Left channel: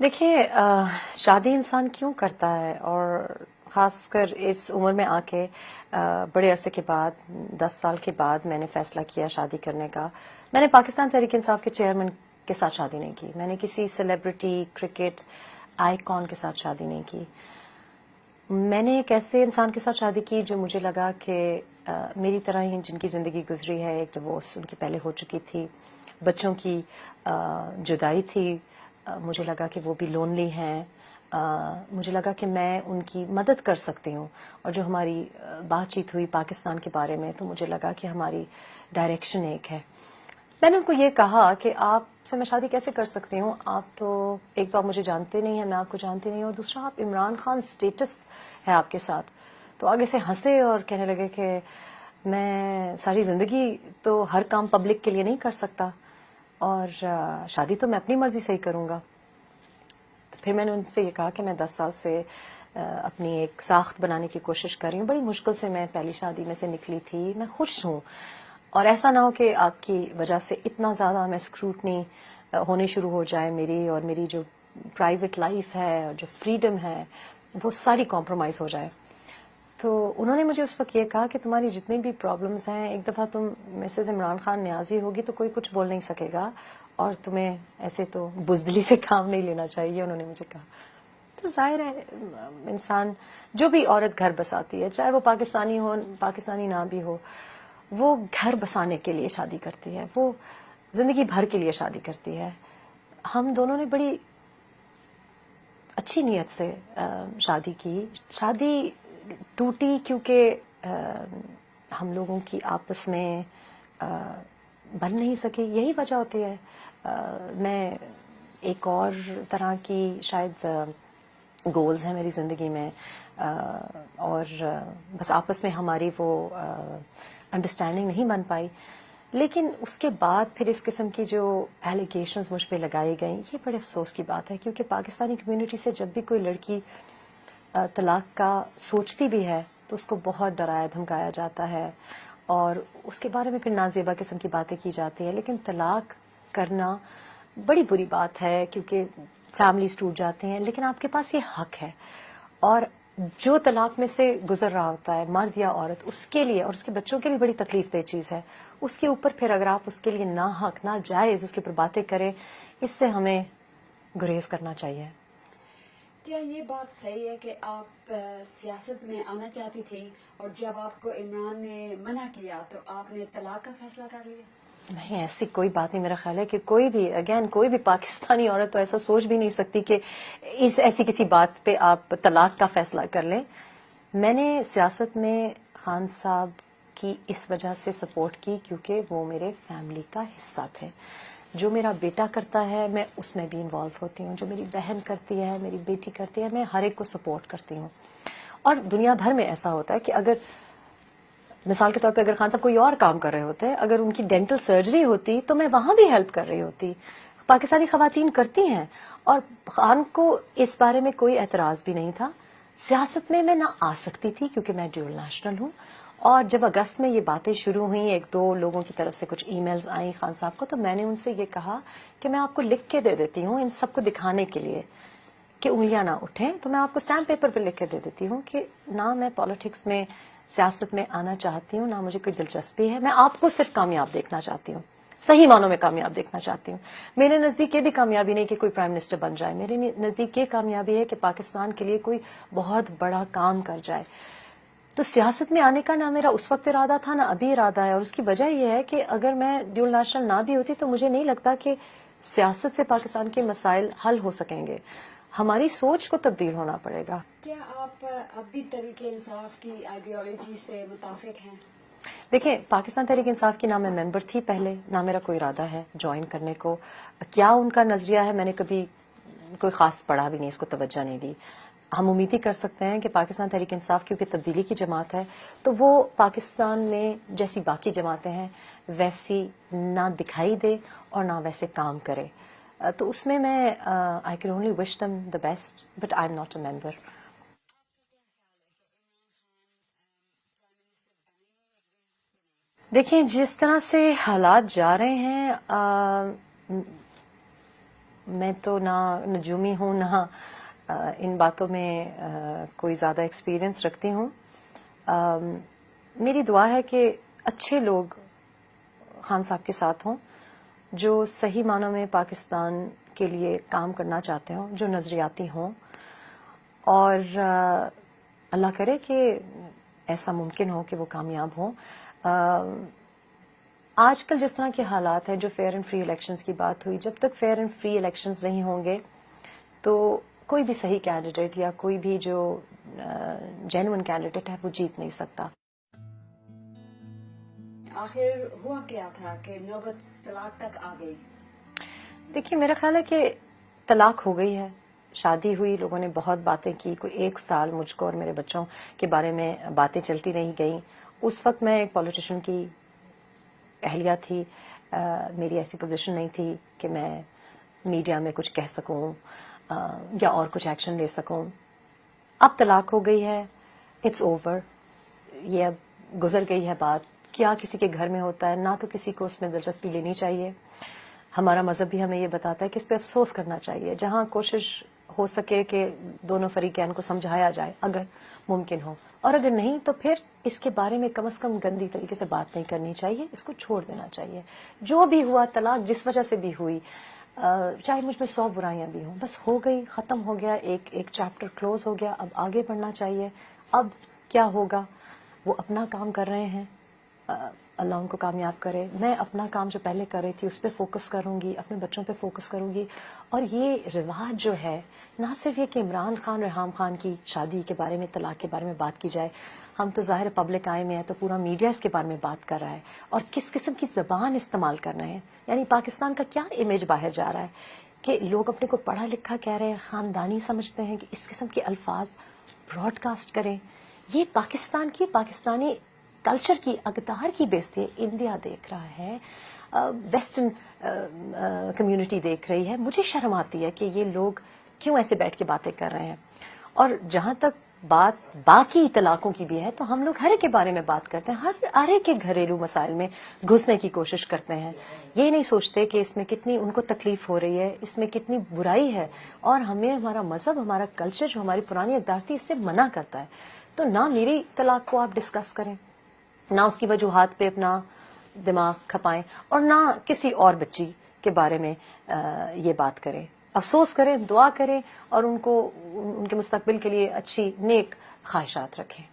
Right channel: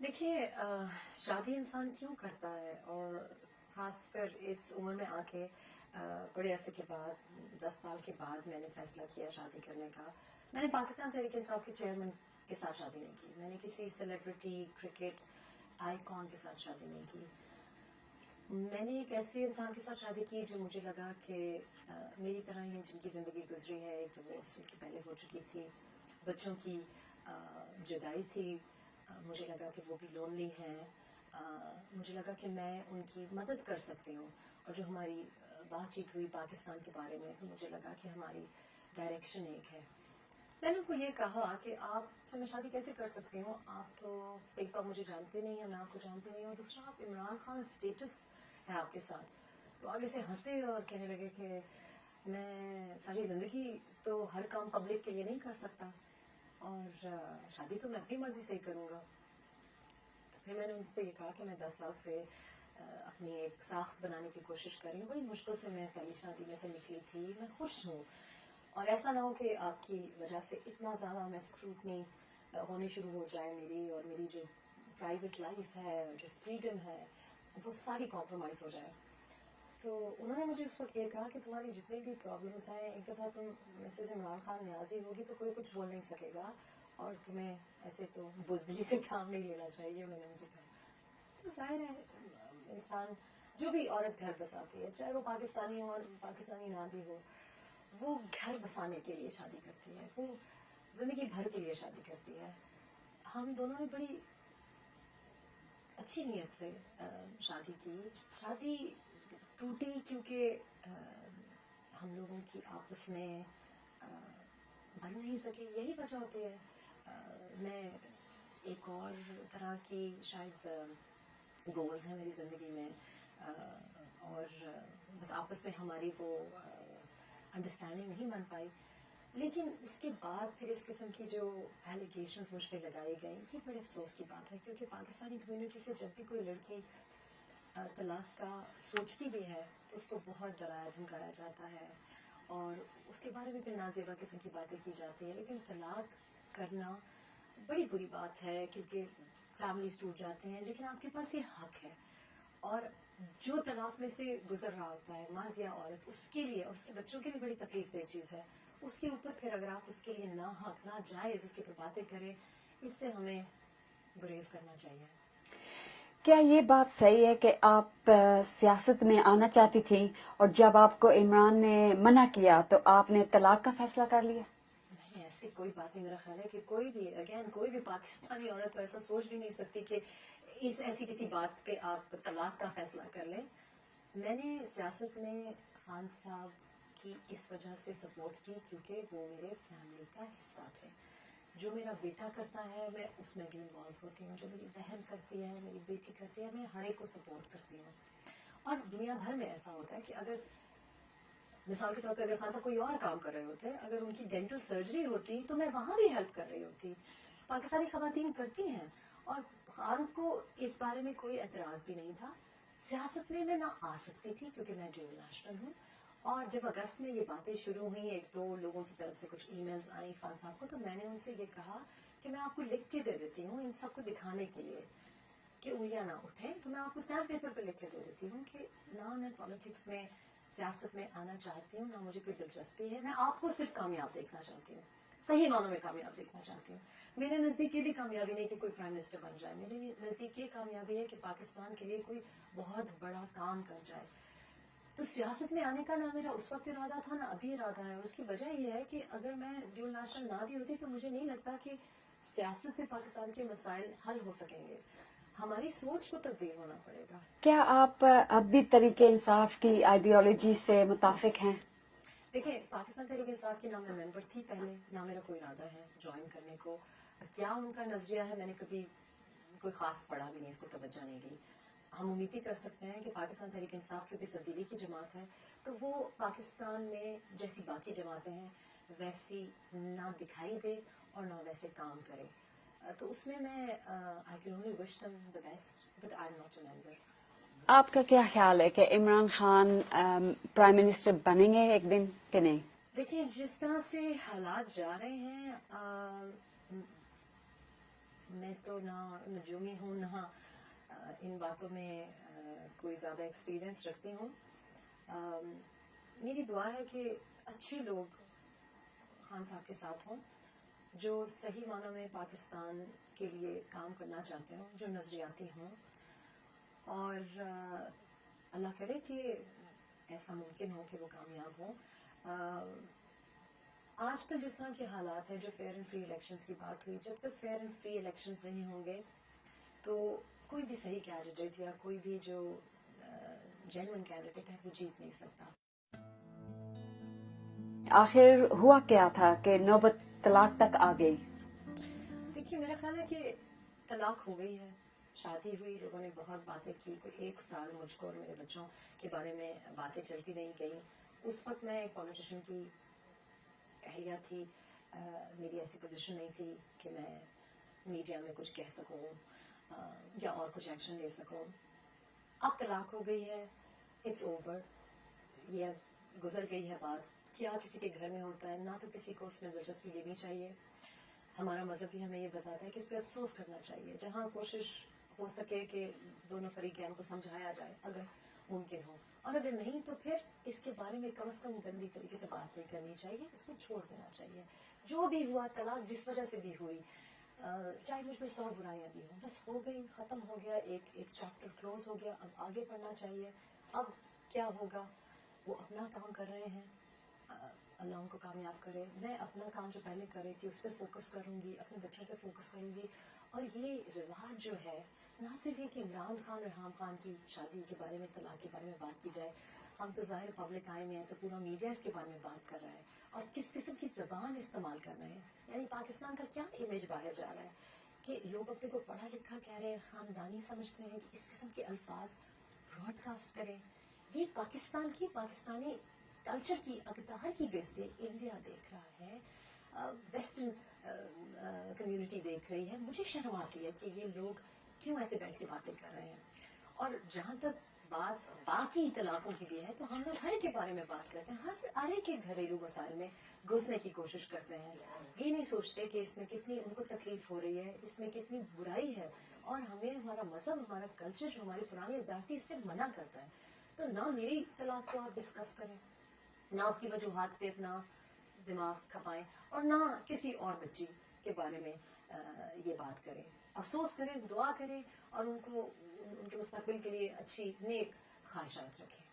देखिए शादी इंसान क्यों करता है, और ख़ासकर इस उम्र में आके बड़े अरसे के बाद 10 साल के बाद मैंने फ़ैसला किया शादी करने का। मैंने पाकिस्तान तहरीक इंसाफ के चेयरमैन के साथ शादी नहीं की, मैंने किसी सेलिब्रिटी क्रिकेट आइकॉन के साथ शादी नहीं की। मैंने एक ऐसे इंसान के साथ शादी की जो मुझे लगा कि मेरी तरह ही जिनकी ज़िंदगी गुजरी है, एक डिवोर्स उनकी पहले हो चुकी थी, बच्चों की जुदाई थी, मुझे लगा कि वो भी लोनली हैं, मुझे लगा कि मैं उनकी मदद कर सकती हूँ। और जो हमारी बातचीत हुई पाकिस्तान के बारे में, तो मुझे लगा कि हमारी डायरेक्शन एक है। मैंने उनको ये कहा कि आपसे मैं शादी कैसे कर सकती हूँ, आप तो एक तो आप मुझे जानते नहीं हैं, मैं आपको जानती नहीं हूँ, और दूसरा आप इमरान खान स्टेटस है आपके साथ। तो आगे से हंसे और कहने लगे कि मैं सारी ज़िंदगी तो हर काम पब्लिक के लिए नहीं कर सकता, और शादी तो मैं अपनी मर्ज़ी से ही करूँगा। तो फिर मैंने उनसे ये कहा कि मैं 10 साल से अपनी एक साख्त बनाने की कोशिश कर रही हूँ, बड़ी मुश्किल से मैं पहली शादी में से निकली थी, मैं खुश हूँ, और ऐसा ना हो कि आपकी वजह से इतना ज़्यादा मैं स्क्रूटनी होनी शुरू हो जाए मेरी, और मेरी जो प्राइवेट लाइफ है और जो फ्रीडम है वो सारी कॉम्प्रोमाइज़ हो जाए। तो उन्होंने मुझे उस वक्त ये कहा कि तुम्हारी जितनी भी प्रॉब्लम्स हैं, एक दफ़ा तुम मिसेस इमरान खान न्याजी होगी तो कोई कुछ बोल नहीं सकेगा, और तुम्हें ऐसे तो बुज़दिली से काम नहीं लेना चाहिए, उन्होंने मुझे कहा। तो जाहिर है इंसान, जो भी औरत घर बसाती है, चाहे वो पाकिस्तानी हो पाकिस्तानी ना भी हो, वो घर बसाने के लिए शादी करती है, वो जिंदगी भर के लिए शादी करती है। हम दोनों ने बड़ी अच्छी नीयत से शादी की। शादी टूटी क्योंकि हम लोगों की आपस में अ, बन नहीं सकी, यही वजह होती है। मैं एक और तरह की शायद गोल्स हैं मेरी ज़िंदगी में, और बस आपस में हमारी वो अंडरस्टैंडिंग नहीं बन पाई। लेकिन उसके बाद फिर इस किस्म की जो एलिगेशंस मुझ पे लगाई गई, ये बड़े अफसोस की बात है, क्योंकि पाकिस्तानी कम्युनिटी से जब भी कोई लड़की तलाक का सोचती भी है तो उसको बहुत डराया धमकाया जाता है, और उसके बारे में फिर नाजेबा किस्म की बातें की जाती हैं। लेकिन तलाक करना बड़ी बुरी बात है, क्योंकि फैमिलीज टूट जाती हैं, लेकिन आपके पास ये हक है। और जो तलाक में से गुजर रहा होता है, मर्द या औरत, उसके लिए और उसके बच्चों के लिए बड़ी तकलीफ दह चीज़ है। उसके ऊपर फिर अगर आप उसके लिए ना हक ना जायज़ उसके ऊपर बातें करें, इससे हमें गुरेज करना चाहिए। क्या ये बात सही है कि आप सियासत में आना चाहती थी और जब आपको इमरान ने मना किया तो आपने तलाक का फैसला कर लिया? नहीं, ऐसी कोई बात नहीं। मेरा ख्याल है कि कोई भी पाकिस्तानी औरत तो ऐसा सोच भी नहीं सकती कि इस ऐसी किसी बात पे आप तलाक का फैसला कर लें। मैंने सियासत में खान साहब की इस वजह से सपोर्ट की क्योंकि वो मेरे फैमिली का हिस्सा थे। जो मेरा बेटा करता है मैं उसमें भी इन्वॉल्व होती हूँ, जो मेरी बहन करती है, मेरी बेटी करती है, मैं हर एक को सपोर्ट करती हूँ। और दुनिया भर में ऐसा होता है कि अगर मिसाल के तौर पे अगर खान साहब कोई और काम कर रहे होते, अगर उनकी डेंटल सर्जरी होती तो मैं वहां भी हेल्प कर रही होती। पाकिस्तानी खवातीन करती हैं, और खान को इस बारे में कोई एतराज भी नहीं था। सियासत में मैं ना आ सकती थी क्योंकि मैं ड्यूल नेशनल हूँ। और जब अगस्त में ये बातें शुरू हुई, एक दो लोगों की तरफ से कुछ ईमेल्स आई खान साहब को, तो मैंने उनसे ये कहा कि मैं आपको लिख के दे देती हूँ इन सबको दिखाने के लिए कि उंगलियां ना उठें, तो मैं आपको स्टैम्प पेपर पर लिख के दे देती हूँ कि ना मैं पॉलिटिक्स में सियासत में आना चाहती हूँ, ना मुझे कोई दिलचस्पी है। मैं आपको सिर्फ कामयाब देखना चाहती हूँ, सही मानों में कामयाब देखना चाहती हूँ। मेरे नज़दीक ये भी कामयाबी नहीं कि कोई प्राइम मिनिस्टर बन जाए, मेरे नज़दीक ये कामयाबी है कि पाकिस्तान के लिए कोई बहुत बड़ा काम कर जाए। तो सियासत में आने का ना मेरा उस वक्त इरादा था, ना अभी इरादा है। और उसकी वजह यह है कि अगर मैं ड्यूल नेशनल ना भी होती तो मुझे नहीं लगता कि सियासत से पाकिस्तान के मसाइल हल हो सकेंगे। हमारी सोच को तब्दील होना पड़ेगा। क्या आप अब भी तरीके इंसाफ की आइडियोलॉजी से मुताफिक हैं? देखिए, पाकिस्तान तहरीक इंसाफ की ना मैं मेंबर थी पहले, ना मेरा कोई इरादा है ज्वाइन करने को। क्या उनका नजरिया है, मैंने कभी कोई खास पढ़ा भी नहीं, इसको तवज्जो नहीं दी। हम उम्मीद ही कर सकते हैं कि पाकिस्तान तहरीक इंसाफ क्योंकि तब्दीली की जमात है, तो वो पाकिस्तान में जैसी बाकी जमातें हैं वैसी ना दिखाई दे और ना वैसे काम करे। तो उसमें मैं I can only wish them the best, but I am not a member. आपका क्या ख्याल है कि इमरान खान प्राइम मिनिस्टर बनेंगे एक दिन कि नहीं? देखिए, जिस तरह से हालात जा रहे हैं, میں تو نہ نجومی ہوں، نہ ان باتوں میں کوئی زیادہ ایکسپیرینس رکھتی ہوں. میری دعا ہے کہ اچھے لوگ خان صاحب کے ساتھ ہوں، جو صحیح معنوں میں پاکستان کے لیے کام کرنا چاہتے ہوں، جو نظریاتی ہوں، اور اللہ کرے کہ ایسا ممکن ہو کہ وہ کامیاب ہوں. آج کل جس طرح کے حالات ہیں، جو فیئر اینڈ فری الیکشنز کی بات ہوئی، جب تک فیئر اینڈ فری الیکشنز نہیں ہوں گے تو کوئی بھی صحیح کینڈیڈیٹ یا کوئی بھی جو جینوئن کینڈیڈیٹ ہے وہ جیت نہیں سکتا. آخر ہوا کیا تھا کہ نوبت طلاق تک آ گئی؟ دیکھیے، میرا خیال ہے کہ طلاق ہو گئی ہے، شادی ہوئی، لوگوں نے بہت باتیں کی، کوئی 1 سال مجھ کو اور میرے بچوں کے بارے میں باتیں چلتی رہی گئیں. اس وقت میں ایک پولیٹیشین کی اہلیہ تھی، میری ایسی پوزیشن نہیں تھی کہ میں میڈیا میں کچھ کہہ سکوں یا اور کچھ ایکشن لے سکوں. اب طلاق ہو گئی ہے، اٹس اوور، یہ اب گزر گئی ہے بات. کیا کسی کے گھر میں ہوتا ہے، نہ تو کسی کو اس میں دلچسپی لینی چاہیے. ہمارا مذہب بھی ہمیں یہ بتاتا ہے کہ اس پہ افسوس کرنا چاہیے، جہاں کوشش ہو سکے کہ دونوں فریقین کو سمجھایا جائے اگر ممکن ہو، اور اگر نہیں تو پھر اس کے بارے میں کم از کم گندی طریقے سے بات نہیں کرنی چاہیے، اس کو چھوڑ دینا چاہیے. جو بھی ہوا، طلاق جس وجہ سے بھی ہوئی، چاہے مجھ میں 100 برائیاں بھی ہوں، بس ہو گئی، ختم ہو گیا، ایک چیپٹر کلوز ہو گیا. اب آگے بڑھنا چاہیے. اب کیا ہوگا، وہ اپنا کام کر رہے ہیں، اللہ ان کو کامیاب کرے. میں اپنا کام جو پہلے کر رہی تھی اس پہ فوکس کروں گی، اپنے بچوں پہ فوکس کروں گی. اور یہ رواج جو ہے، نہ صرف یہ کہ عمران خان ریحام خان کی شادی کے بارے میں، طلاق کے بارے میں بات کی جائے، ہم تو ظاہر پبلک آئے میں ہیں تو پورا میڈیا اس کے بارے میں بات کر رہا ہے، اور کس قسم کی زبان استعمال کر رہے ہیں. یعنی پاکستان کا کیا امیج باہر جا رہا ہے کہ لوگ اپنے کو پڑھا لکھا کہہ رہے ہیں، خاندانی سمجھتے ہیں، کہ اس قسم کے الفاظ براڈ کاسٹ کریں. یہ پاکستان کی، پاکستانی کلچر کی، اقدار کی بیزتی ہے. انڈیا دیکھ رہا ہے، ویسٹرن کمیونٹی دیکھ رہی ہے. مجھے شرم آتی ہے کہ یہ لوگ کیوں ایسے بیٹھ کے باتیں کر رہے ہیں. اور جہاں تک بات باقی طلاقوں کی بھی ہے تو ہم لوگ ہر ایک کے بارے میں بات کرتے ہیں، ہر ایک کے گھریلو مسائل میں گھسنے کی کوشش کرتے ہیں. یہ نہیں سوچتے کہ اس میں کتنی ان کو تکلیف ہو رہی ہے، اس میں کتنی برائی ہے، اور ہمیں ہمارا مذہب، ہمارا کلچر جو ہماری پرانی اقدار تھی، اس سے منع کرتا ہے. تو نہ میری طلاق کو آپ ڈسکس کریں، نہ اس کی وجوہات پہ اپنا دماغ کھپائیں، اور نہ کسی اور بچی کے بارے میں یہ بات کریں. افسوس کریں، دعا کریں، اور ان کے مستقبل کے لیے اچھی نیک خواہشات رکھیں.